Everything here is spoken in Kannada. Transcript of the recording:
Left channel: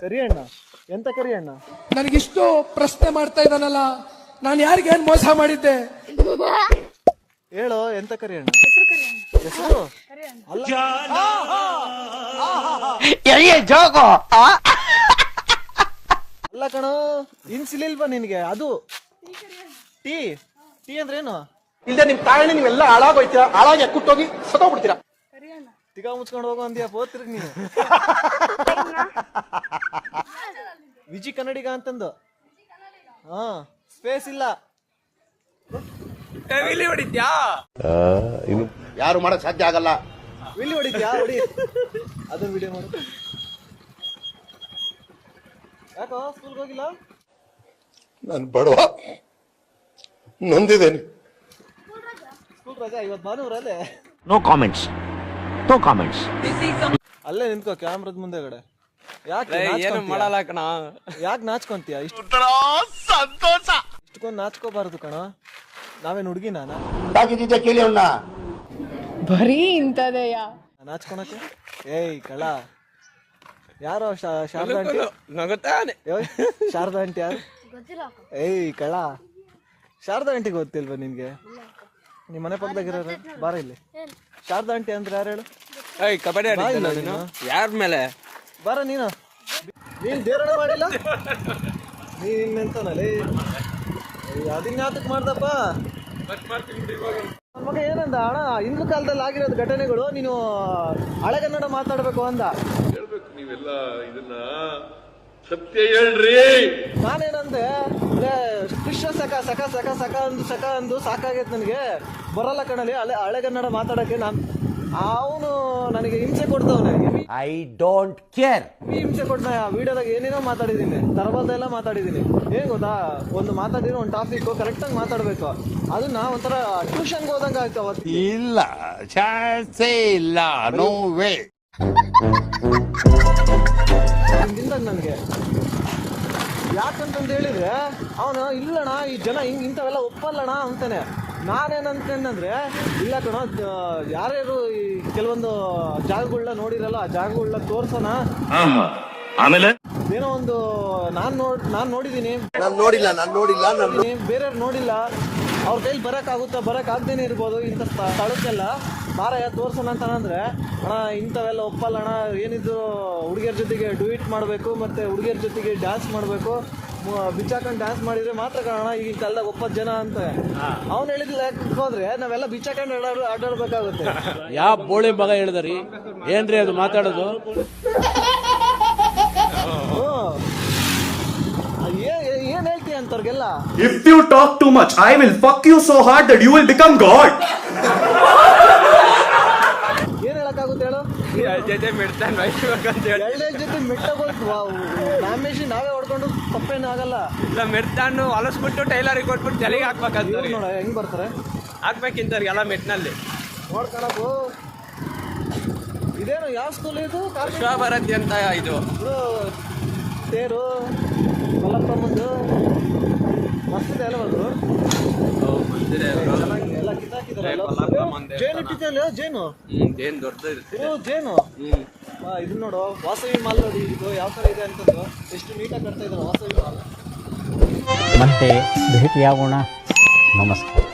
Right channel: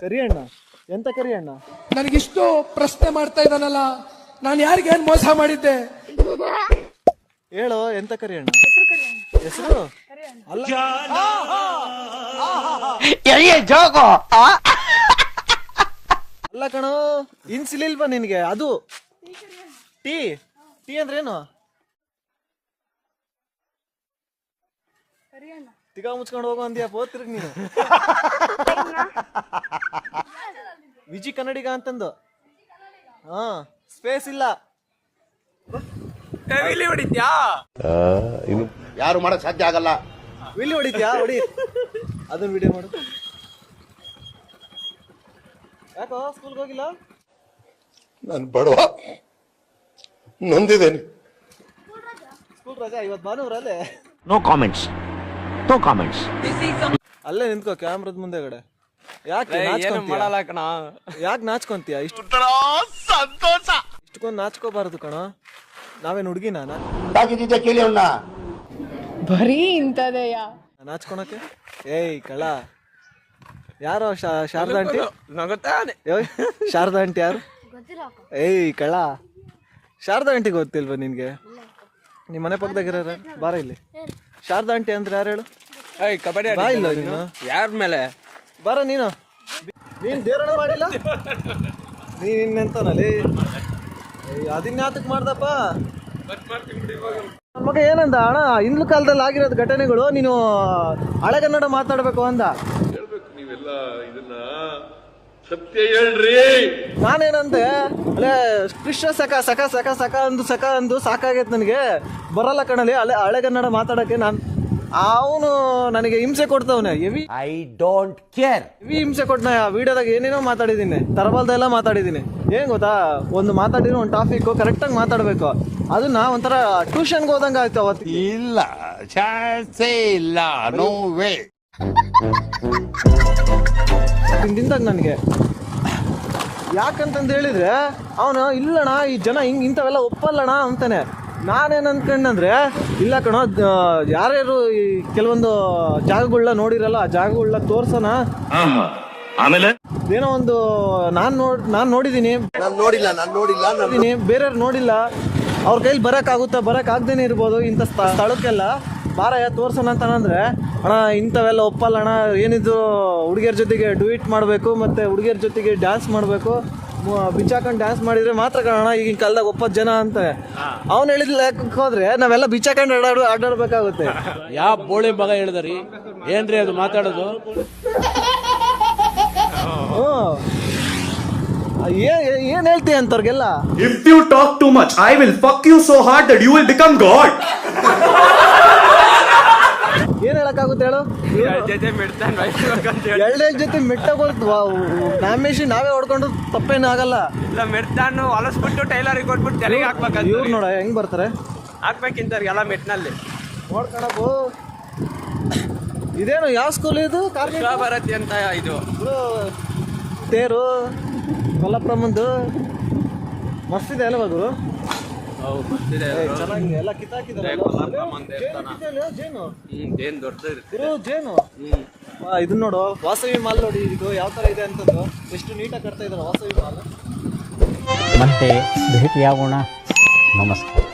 ಕರಿ ಅಣ್ಣ. ಎಂತ ಕರಿ ಅಣ್ಣ? ನನಗಿಷ್ಟು ಪ್ರಶ್ನೆ ಮಾಡ್ತಾ ಇದ್ದಾನಲ್ಲ ನಾನು ಯಾರಿಗೆ ಏನ್ ಮೋಸ ಮಾಡಿದ್ದೆ? ಹೇಳು ಎಂತ ಕರಿ ಅಣ್ಣ? ಹೆಸರು ಅಲ್ಲ. ಅಲ್ಲ ಕಣೋ ಇನ್ಸಿಲಿಲ್ವಾ ನಿನ್ಗೆ? ಅದು ಟೀ ಟೀ? ಅಂದ್ರೇನು? ಏನು ಇಲ್ಲದೆ ನಿಮ್ ತಾಯಿ ನೀವೆಲ್ಲ ಹಾಳಾಗೋಯ್ತೀರಾ? ಹಾಳಾಗಿ ಕುಟ್ಟೋಗಿ ಸತ್ತೋಗ್ಬಿಡ್ತೀರಾ? ತಿಗಾ ಮುಚ್ಕೊಂಡು ಹೋಗೋ ಅಂದ್ಯಾ ಓದ್ತಿರ್ಗ ನೀನು. ಕನ್ನಡಿಗ ಅಂತಂದು. ಹಾ ಸ್ಪೇಸ್ ಇಲ್ಲ. ಯಾರು ಮಾಡಕ್ ಸಾಧ್ಯ ಆಗಲ್ಲ. ವಿಲ್ಲಿ ಹೊಡಿದ್ಯಾ ಹೊಡಿ. ಅದು ವಿಡಿಯೋ ಮಾಡು ಯಾಕೋ ಸ್ಕೂಲ್ಗೆ ಹೋಗಿಲ್ಲ? ನಾನು ಬಡವ. ನೊಂದಿದ್ದೇನೆ. ಸ್ಕೂಲ್ ರಜಾ? ಇವತ್ತು ಭಾನುವಾರ ಅಲ್ಲೇ? Comments comments. No comments. ಅಲ್ಲೇ ನಿಂತ್ಕೋ ಕ್ಯಾಮ್ರದ ಮುಂದೆಗಡೆ ಯಾಕೆ ಏನು ಮಾಡಲ್ಲ ಕಣ ಯಾಕೆ ನಾಚ್ಕೊಂತೀಯ? ಇಷ್ಟು ಇಷ್ಟಕ್ಕೊಂದು ನಾಚ್ಕೋಬಾರದು ಕಣ. ನಾವೇನು ಹುಡುಗಿ ನಾನು? ತಾಕಿದ್ದೆ ಕೇಳಿ ಅವ್ನ. ಬರೀ ಇಂಥದೆಯ? ನಾಚ್ಕೊಳಕ್ಕೆ? ಏಯ್ ಕಳ ಯಾರೋ ಶಾರದಾ ಆಂಟಿ? ನಗತಾನೆ ಶಾರದಾ ಆಂಟಿ ಯಾರು? ಏಯ್ ಕಳ ಶಾರದಾ ಆಂಟಿ ಗೊತ್ತಿಲ್ವಾ ನಿನ್ಗೆ? ನಿಮ್ಮ ಮನೆ ಪಕ್ಕದಾಗಿರೋರು ಬಾರ ಇಲ್ಲಿ. ಶಾರದಾ ಆಂಟಿ ಅಂದ್ರೆ ಯಾರು ಹೇಳು? ಏಯ್ ಕಬಡ್ಡಿ ನೀನು. ಯಾರ ಮೇಲೆ? ಬಾರ ನೀನು. ನೀನ್ ದೇವರಣ ಮಾಡಿಲ್ಲ? ನೀನ್ ಇನ್ನೆಂತನಲ್ಲಿ ಅದಿನ್ ನಾಟಕ ಮಾಡ್ದಪ್ಪ. ಮಗ ಏನಂದ ಅಣ್ಣ ಹಿಂದ್ಲು ಕಾಲದಲ್ಲಿ ಆಗಿರೋದು ಘಟನೆಗಳು ನೀನು ಹಳೆಗನ್ನಡ ಮಾತಾಡ್ಬೇಕು ಅಂದ. ಹೇಳ್ಬೇಕು ನೀವೆಲ್ಲ ಇದನ್ನ. ಸತ್ಯ ಹೇಳ್ರಿ. ನಾನೇನಂದೆ ಅಲ್ಲೇ ಕೃಷ್ಣ ಸಖ ಸಖ ಸಖ ಸಖ ಅಂದು ಸಖ ಅಂದು ಸಾಕಾಗೈತೆ ನನಗೆ. ಬರಲ್ಲ ಕಣಲಿ ಹಳೆ ಹಳೆಗನ್ನಡ ಮಾತಾಡಕ್ಕೆ ನಾನು ಅವನು ನನಗೆ ಹಿಂಸೆ ಕೊಡ್ತವನೆ. ಹೆವಿ ಡೋಂಟ್ ಕೇರ್ ಹೆವಿ ಹಿಂಸೆ ಕೊಡ್ನ ವಿಡಿಯೋದಾಗ ಏನೇನೋ ಮಾತಾಡಿದ್ದೀನಿ. ತರಬಲ್ದೆಲ್ಲ ಮಾತಾಡಿದ್ದೀನಿ. ಏನ್ ಗೊತ್ತಾ? ಒಂದು ಮಾತಾಡಿರೋ ಒಂದು ಟಾಪಿಕ್ ಕರೆಕ್ಟಾಗಿ ಮಾತಾಡಬೇಕು. ಅದನ್ನ ಒಂಥರ ಟ್ಯೂಷನ್ಗೆ ಹೋದಂಗೆ ಆಯ್ತು ಅವತ್ತು. ಇಲ್ಲ. ಚಾನ್ಸೇ ಇಲ್ಲ. ನೋ ವೇ ತಿಂದಾಗ ನನಗೆ. ಯಾಕಂತಂದು ಹೇಳಿದ್ರೆ ಅವನು ಇಲ್ಲಣ್ಣ ಈ ಜನ ಹಿಂಗ್ ಇಂಥವೆಲ್ಲ ಒಪ್ಪಲ್ಲಣ್ಣ ಅಂತಾನೆ. ನಾನೇನು ಅಂದ್ಕೊಂಡಂದ್ರೆ ಇಲ್ಲ ಕಣೋ ಯಾರ್ಯಾರು ಈ ಕೆಲವೊಂದು ಜಾಗಗಳನ್ನ ನೋಡಿರಲ್ಲ ಆ ಜಾಗಗಳನ್ನ ತೋರ್ಸೋಣ. ಆಮೇಲೆ? ಏನೋ ಒಂದು ನಾನ್ ನೋಡ್ ನಾನ್ ನೋಡಿದೀನಿ. ನಾನು ನೋಡಿಲ್ಲ ನಾನು ನೋಡಿಲ್ಲ ಬೇರೆಯವ್ರು ನೋಡಿಲ್ಲ. ಅವ್ರ ಕೈಲಿ ಬರಕ್ ಆಗುತ್ತಾ ಬರಕ್ ಆಗ್ದೇನೆ ಇರ್ಬೋದು ಇಂಥ ಸ್ಥ- ಸ್ಥಳಕ್ಕೆಲ್ಲ. ಬಾರಯ್ಯ ತೋರ್ಸೋಣ ಅಂತ ಅಂದ್ರೆ ಅಣ್ಣ ಇಂಥವೆಲ್ಲ ಒಪ್ಪಲ್ಲ ಅಣ್ಣ. ಏನಿದ್ರು ಹುಡುಗಿಯರ ಜೊತೆಗೆ ಡ್ಯೂಯಿಟ್ ಮಾಡಬೇಕು ಮತ್ತೆ ಹುಡುಗಿಯರ ಜೊತೆಗೆ ಡ್ಯಾನ್ಸ್ ಮಾಡಬೇಕು. ಬಿಚ್ಚಾಕೊಂಡು ಡ್ಯಾನ್ಸ್ ಮಾಡಿದ್ರೆ ಮಾತ್ರ ಕಾಣೋಣ ಈಗಿನ ಕಾಲದಾಗ ಒಪ್ಪತ್ತು ಜನ ಅಂತ. ಅವ್ನು ಹೇಳಿದ ಲೆಕ್ಕಕ್ಕೆ ಹೋದ್ರೆ ನಾವೆಲ್ಲ ಬಿಚ್ಚಾಕೊಂಡು ಆಡಾಡು ಆಡಾಡ್ಬೇಕಾಗುತ್ತೆ. ಯಾವ ಬೋಳಿ ಮಗ ಹೇಳಿದ್ರಿ? ಏನ್ರಿ ಅದು ಮಾತಾಡೋದು. ಏನ್ ಹೇಳ್ತೀಯ ಅಂತವ್ರಿಗೆಲ್ಲ? If you talk too much I will fuck you so hard you you will become God. ಏನ್ ಹೇಳಕ್ಕಾಗುತ್ತೆ ಹೇಳು ಜೊತೆ ಮಿಡ್ತಾನೆ ಅಂತ ಹೇಳಿ. ಎರಡೇ ಜೊತೆ ಮೆಟ್ಟಗಳು ನಾಮೇಶಿ ನಾವೇ ಹೊಡ್ಕೊಂಡು ತಪ್ಪೇನು ಆಗಲ್ಲ ಇಲ್ಲ ಮಿಡ್ತಾನು ಹೊಲಸ್ಬಿಟ್ಟು ಟೈಲರಿಗೆ ಕೊಟ್ಬಿಟ್ಟು ತಲೆಗೆ ಹಾಕ್ಬೇಕಂತ ಇವ್ರು ನೋಡ ಹೆಂಗ್ ಬರ್ತಾರೆ? ಹಾಕ್ಬೇಕಿಂತವ್ರಿಗೆಲ್ಲ ಮೆಟ್ನಲ್ಲಿ ನೋಡ್ಕೊಳಕು ಇದೇನು ಯಾವ ಸ್ಕೂಲ್ ಇದು? ವಿಶ್ವಭಾರತಿ ಅಂತ ಇದು. ಓ, ತೇರು ಕೊಲ್ಲಪ್ಪಮ್ಮಂದು ಮಸ್ತಿದೆ ಅಲ್ವಾ ಅದು? ಎಲ್ಲ ಕಿತ್ತಾಕಿದಾರೆ ಜೇನು ದೇವಸ್ಥಾನ ಕಿತ್ತಿದೆಯಲ್ಲ, ಜೇನು? ಹ್ಮ್ ಏನ್ ದೊಡ್ಡದು ಇರುತ್ತೆ. ಓ ಜೇನು? ಆ, ಇದನ್ನ ನೋಡು ವಾಸವಿ ಮಾಲ್ ನೋಡಿ ಇದು ಯಾವ ತರ ಇದೆ ಅಂತಂದು. ಎಷ್ಟು ನೀಟಾಗಿ ಕಟ್ತಾ ಇದ್ದಾರೆ ವಾಸವಿ ಮಾಲ್. ಮತ್ತೆ ಭೇಟಿಯಾಗೋಣ. ನಮಸ್ಕಾರ.